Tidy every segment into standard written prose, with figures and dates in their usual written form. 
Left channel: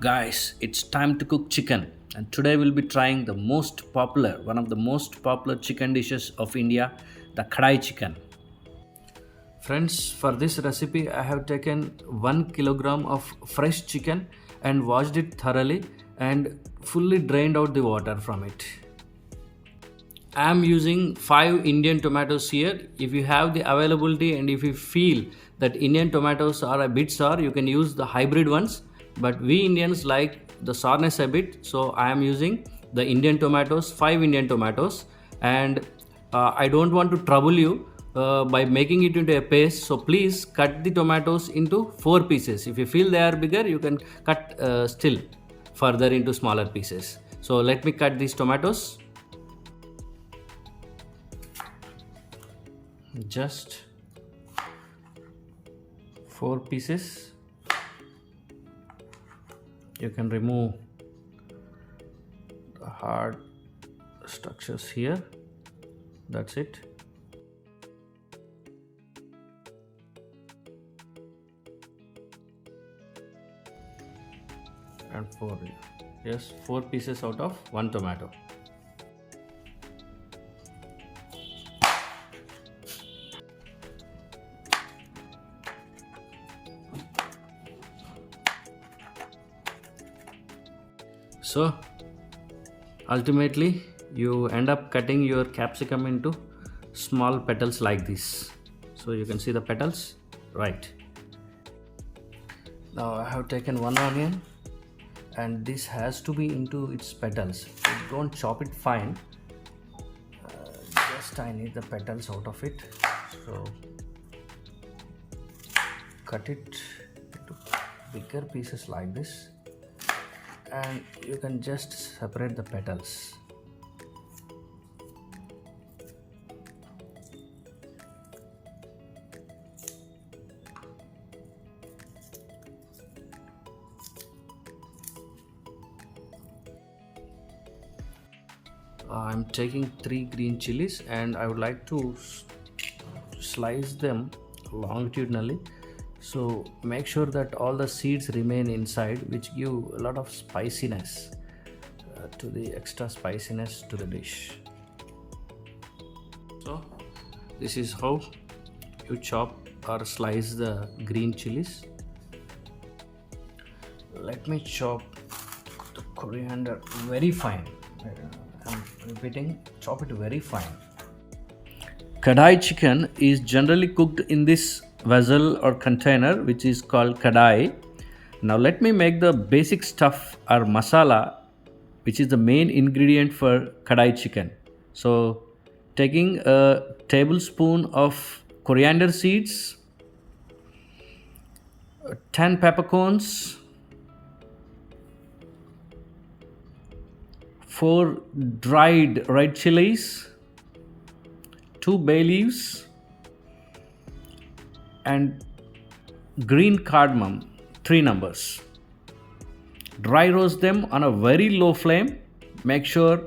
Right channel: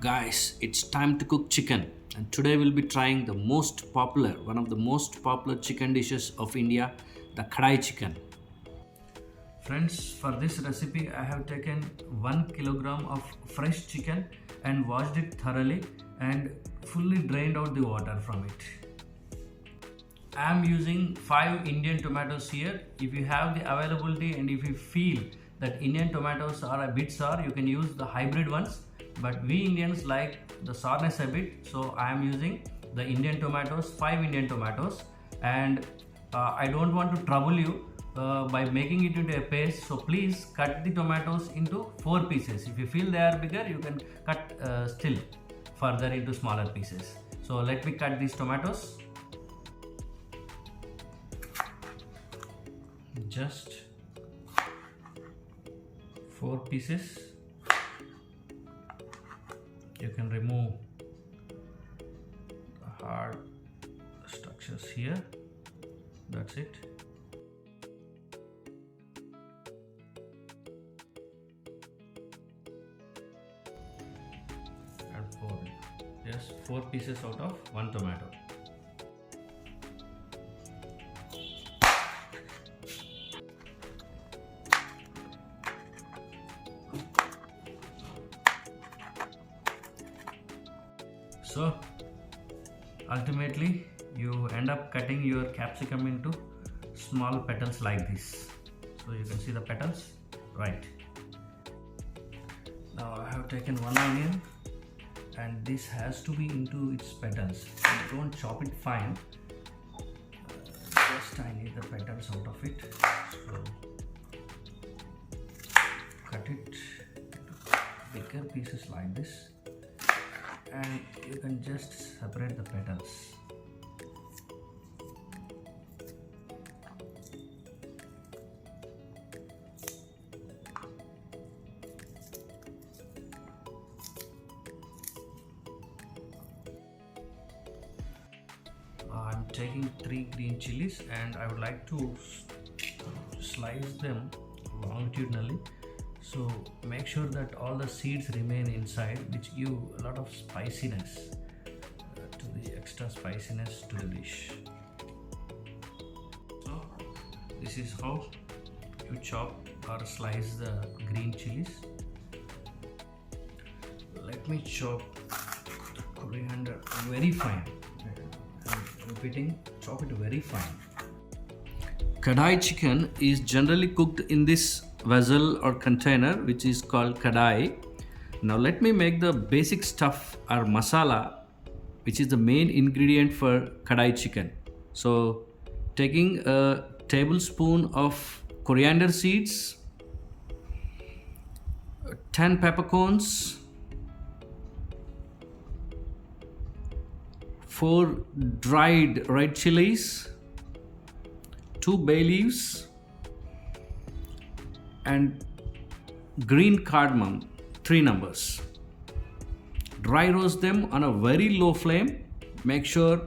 Guys, it's time to cook chicken, and today we'll be trying one of the most popular chicken dishes of India, the Kadai chicken. Friends, for this recipe, I have taken 1 kilogram of fresh chicken and washed it thoroughly and fully drained out the water from it. I am using 5 Indian tomatoes here. If you have the availability and if you feel that Indian tomatoes are a bit sour, you can use the hybrid ones. But we Indians like the sourness a bit, so I am using the Indian tomatoes, 5 Indian tomatoes. And I don't want to trouble you by making it into a paste, so please cut the tomatoes into 4 pieces. If you feel they are bigger, you can cut still further into smaller pieces. So let me cut these tomatoes. Just 4 pieces. You can remove the hard structures here. That's it. And 4 pieces out of 1 tomato. So ultimately you end up cutting your capsicum into small petals like this. So you can see the petals, right? Now I have taken 1 onion and this has to be into its petals. Don't chop it fine, just I need the petals out of it. So cut it into bigger pieces like this, and you can just separate the petals. I'm taking 3 green chilies and I would like to slice them longitudinally. So make sure that all the seeds remain inside, which give a lot of spiciness to the extra spiciness to the dish. So this is how you chop or slice the green chilies. Let me chop the coriander very fine. I'm repeating, chop it very fine. Kadai chicken is generally cooked in this vessel or container which is called Kadai. Now let me make the basic stuff or masala, which is the main ingredient for Kadai chicken. So taking a tablespoon of coriander seeds, 10 peppercorns, 4 dried red chilies, 2 bay leaves, and green cardamom, 3 numbers. Dry roast them on a very low flame. Make sure,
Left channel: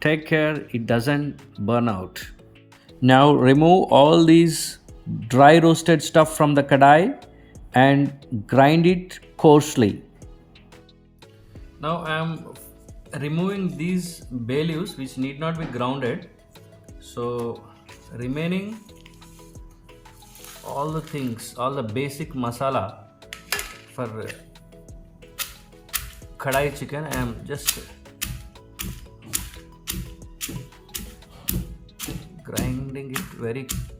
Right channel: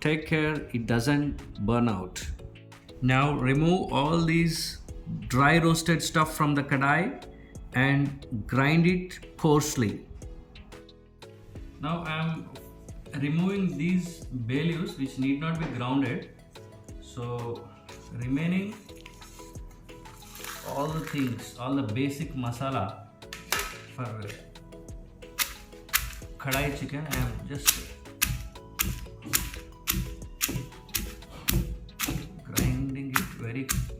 take care it doesn't burn out. Now remove all these dry roasted stuff from the kadai and grind it coarsely. Now I am removing these bay leaves which need not be grounded. So remaining all the things, all the basic masala for kadai chicken, I am just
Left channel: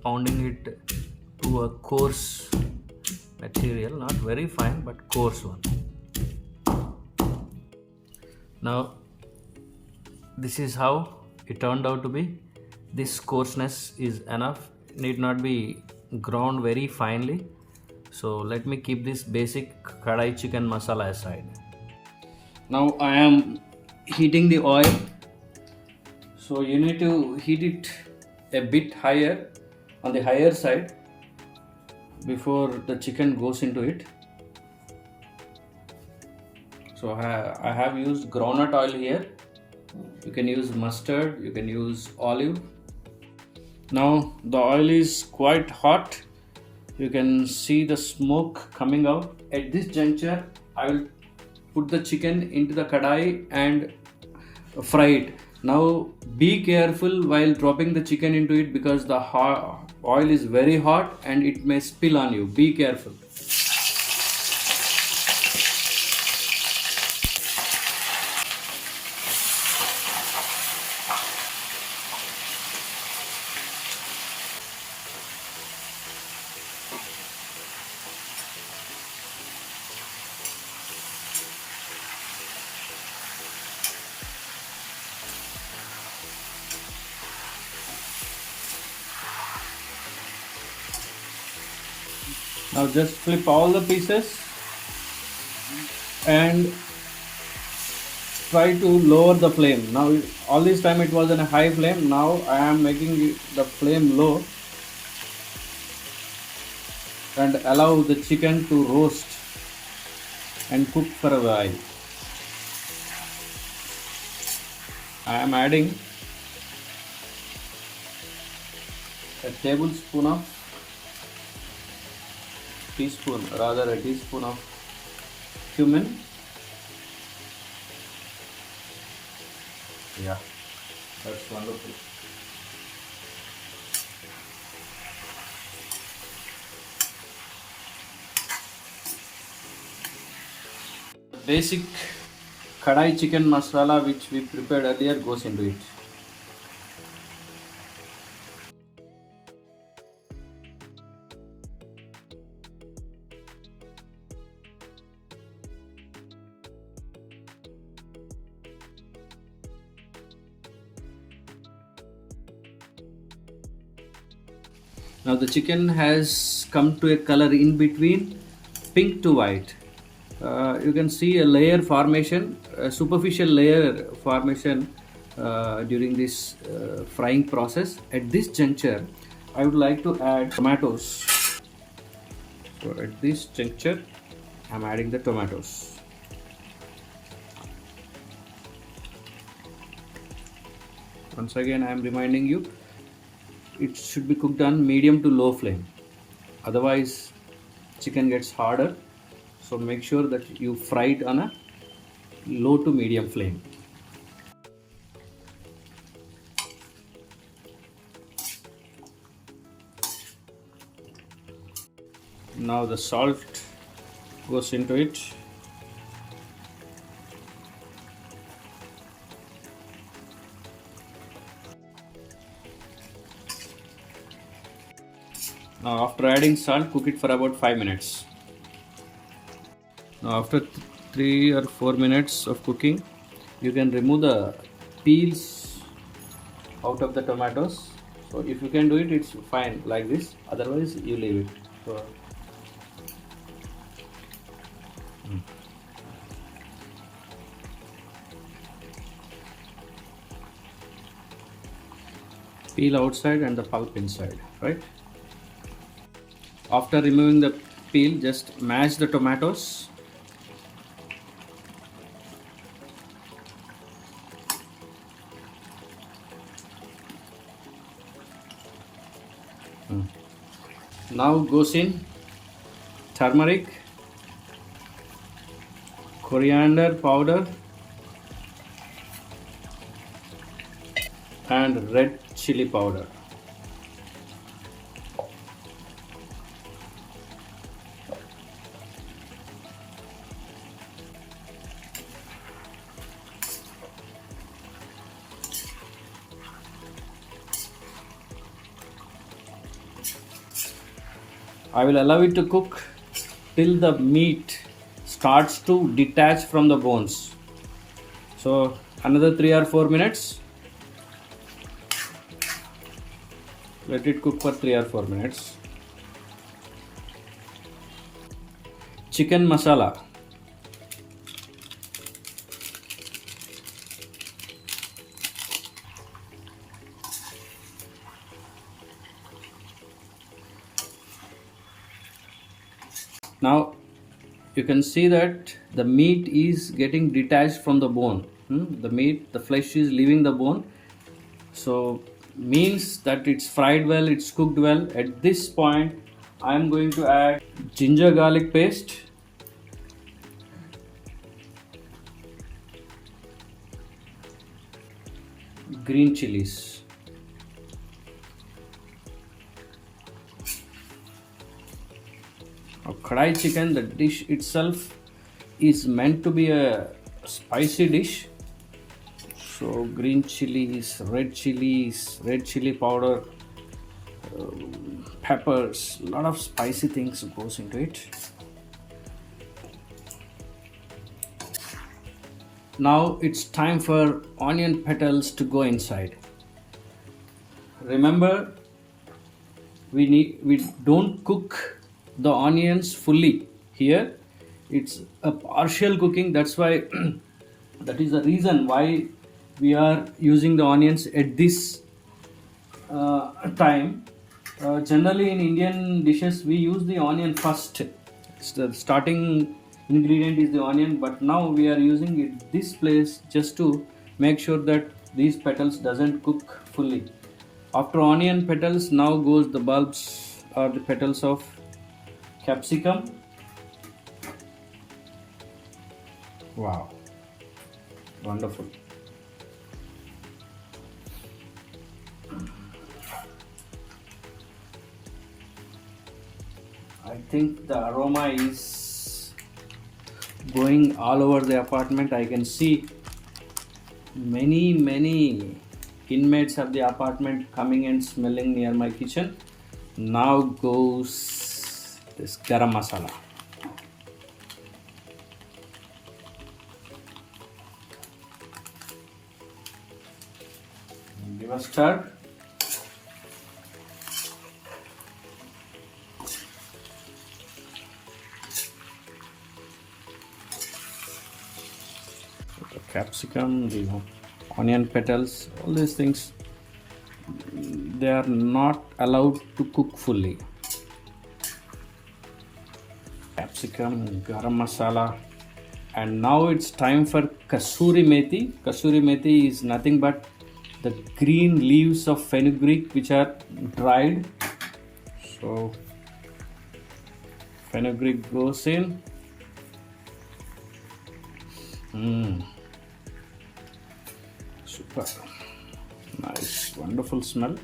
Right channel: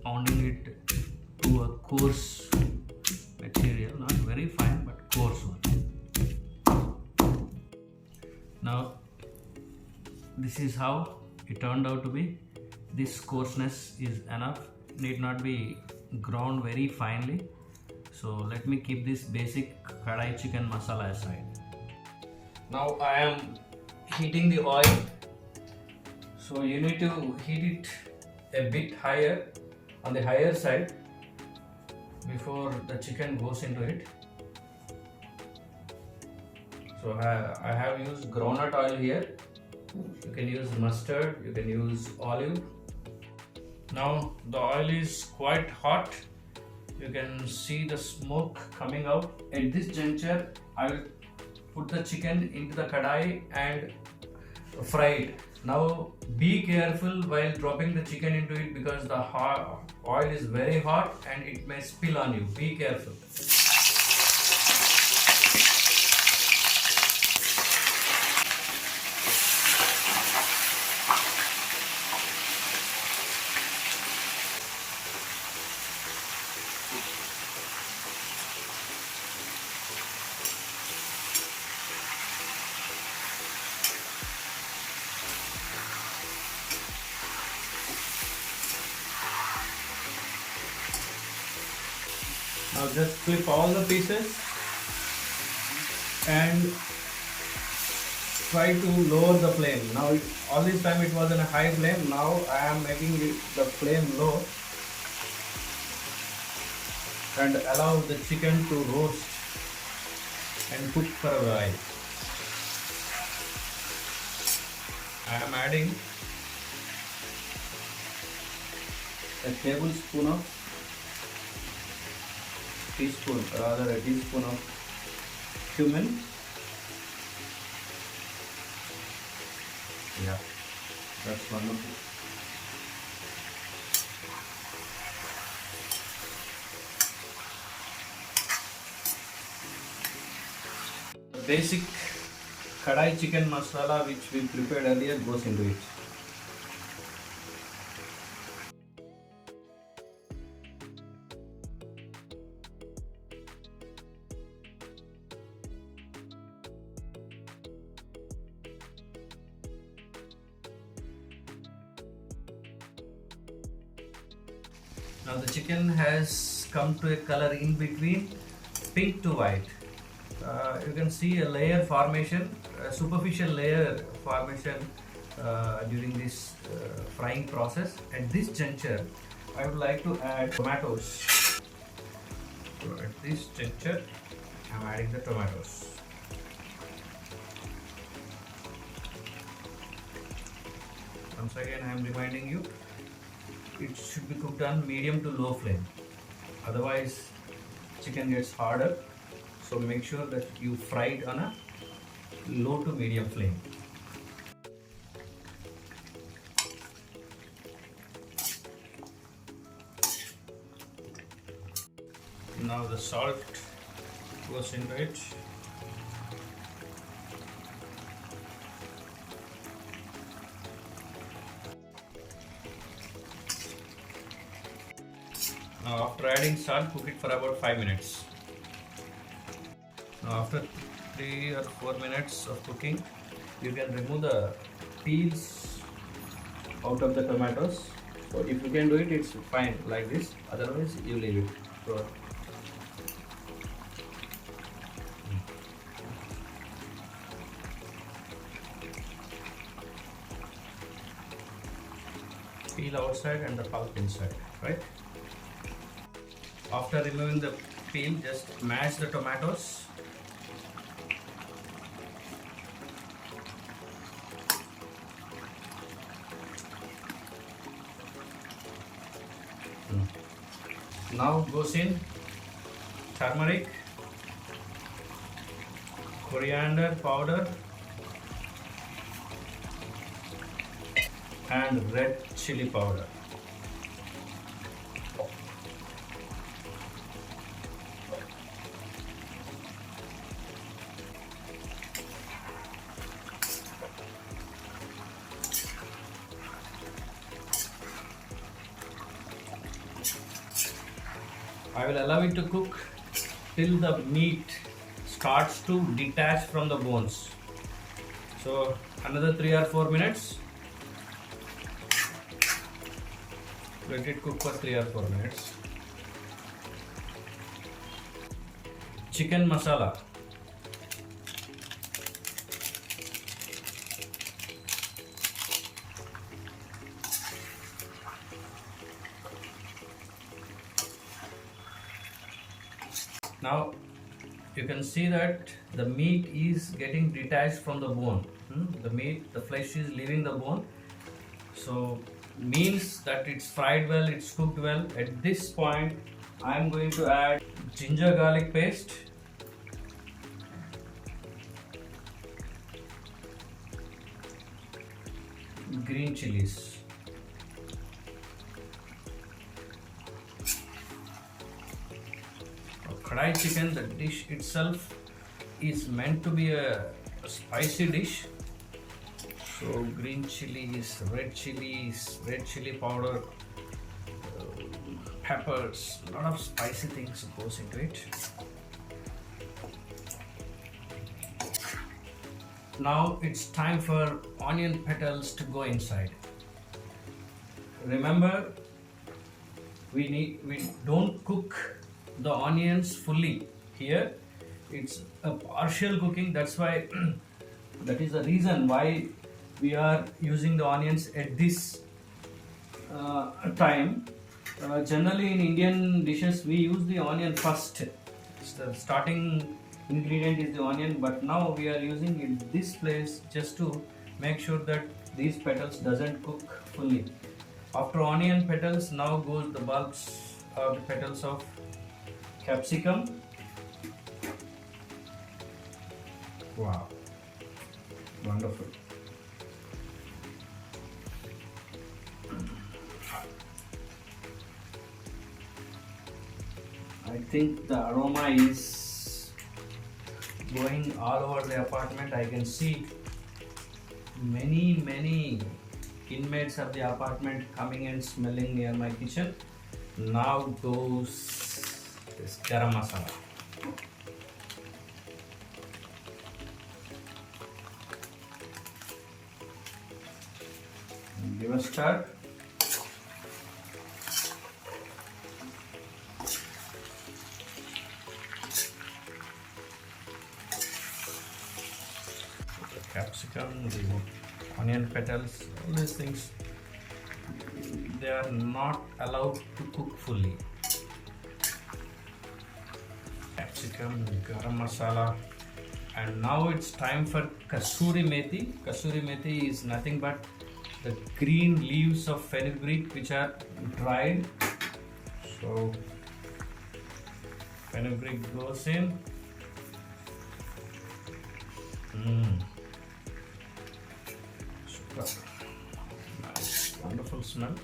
pounding it to a coarse material, not very fine but coarse one. Now this is how it turned out to be. This coarseness is enough, need not be ground very finely. So let me keep this basic kadai chicken masala aside. Now I am heating the oil. So you need to heat it a bit higher, on the higher side, before the chicken goes into it. So I have used groundnut oil here. You can use mustard, you can use olive. Now the oil is quite hot. You can see the smoke coming out. At this juncture, I will put the chicken into the kadai and fry it. Now be careful while dropping the chicken into it because the oil is very hot and it may spill on you. Be careful. Now just flip all the pieces and try to lower the flame. Now all this time it was in a high flame. Now I am making the flame low and allow the chicken to roast and cook for a while. I am adding a tablespoon of a teaspoon of cumin. Yeah, that's wonderful. The basic kadai chicken masala which we prepared earlier goes into it. Now the chicken has come to a color in between pink to white. You can see a layer formation, a superficial layer formation during this frying process. At this juncture, I would like to add tomatoes. So at this juncture, I am adding the tomatoes. Once again, I am reminding you, it should be cooked on medium to low flame. Otherwise, chicken gets harder. So make sure that you fry it on a low to medium flame. Now the salt goes into it. Now after adding salt, cook it for about 5 minutes. Now after 3 or 4 minutes of cooking, you can remove the peels out of the tomatoes. So if you can do it, it's fine like this. Otherwise, you leave it. So, peel outside and the pulp inside, right? After removing the peel, just mash the tomatoes. Now goes in turmeric, coriander powder and red chili powder. I will allow it to cook till the meat starts to detach from the bones. So another 3 or 4 minutes. Let it cook for 3 or 4 minutes. Chicken masala. Now you can see that the meat is getting detached from the bone. The flesh is leaving the bone. So means that it's fried well, it's cooked well. At this point, I am going to add ginger garlic paste green chilies. Kadai chicken, the dish itself is meant to be a spicy dish. So green chilies, red chili powder, peppers, a lot of spicy things goes into it. Now it's time for onion petals to go inside. Remember, we don't cook the onions fully here. It's a partial cooking. That's why that is the reason why we are using the onions at this time. Generally in Indian dishes we use the onion first. The starting ingredient is the onion, but now we are using it this place just to make sure that these petals doesn't cook fully. After onion petals, now goes the bulbs or the petals of capsicum. Wow, wonderful. I think the aroma is going all over the apartment. I can see many inmates of the apartment coming and smelling near my kitchen. Now goes this garam masala. Give a stir. The capsicum, the onion petals, all these things, they are not allowed to cook fully. Capsicum, garam masala, and now it's time for kasuri methi. Kasuri methi is nothing but the green leaves of fenugreek which are dried. So fenugreek goes in. Super nice, wonderful smell.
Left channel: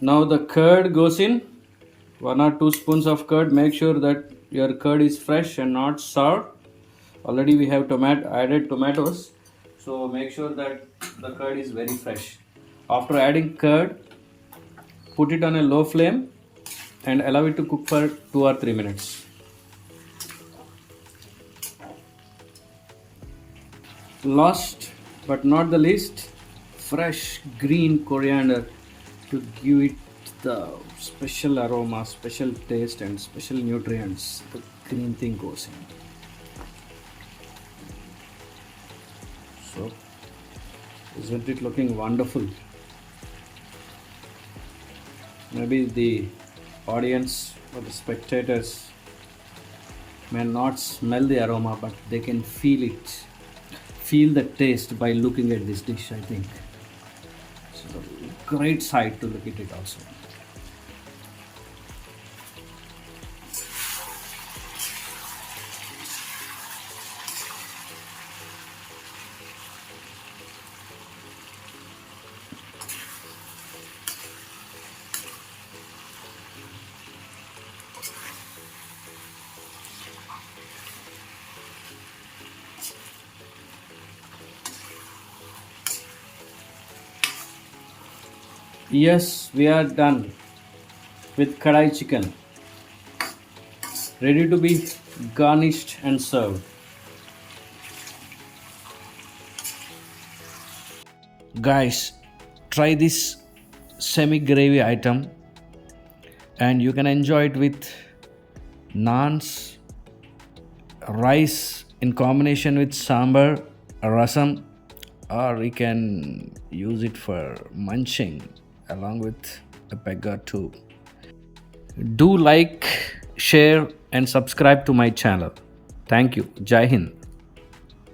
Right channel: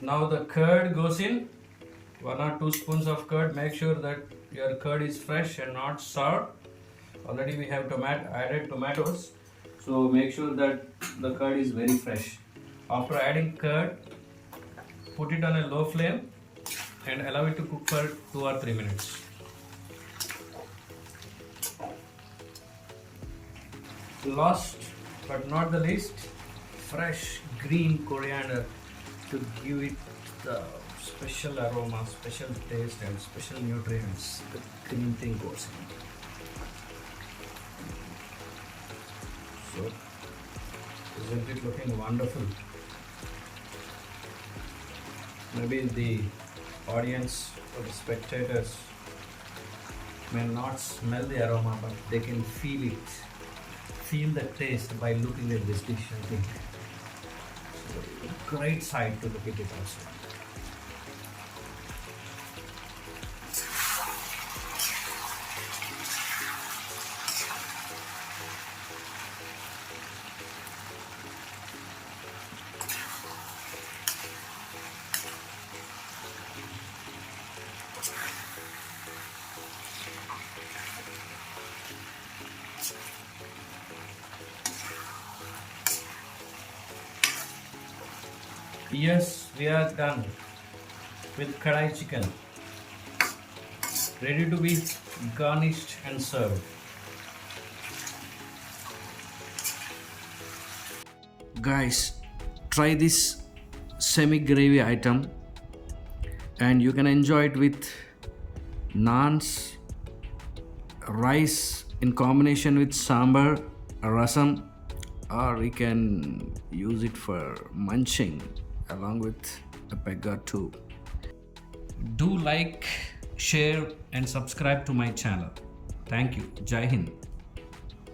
Now the curd goes in. 1 or 2 spoons of curd. Make sure that your curd is fresh and not sour. Already we have added tomatoes, so make sure that the curd is very fresh. After adding curd, put it on a low flame and allow it to cook for 2 or 3 minutes. Last but not the least, fresh green coriander to give it the special aroma, special taste and special nutrients. The green thing goes in. So, isn't it looking wonderful? Maybe the audience or the spectators may not smell the aroma, but they can feel it, feel the taste by looking at this dish, I think. So, great sight to look at it also. Yes, we are done with kadai chicken, ready to be garnished and served. Guys, try this semi gravy item and you can enjoy it with naans, rice in combination with sambar, rasam, or you can use it for munching along with a peg or two. Do like, share and subscribe to my channel. Thank you. Jai Hind.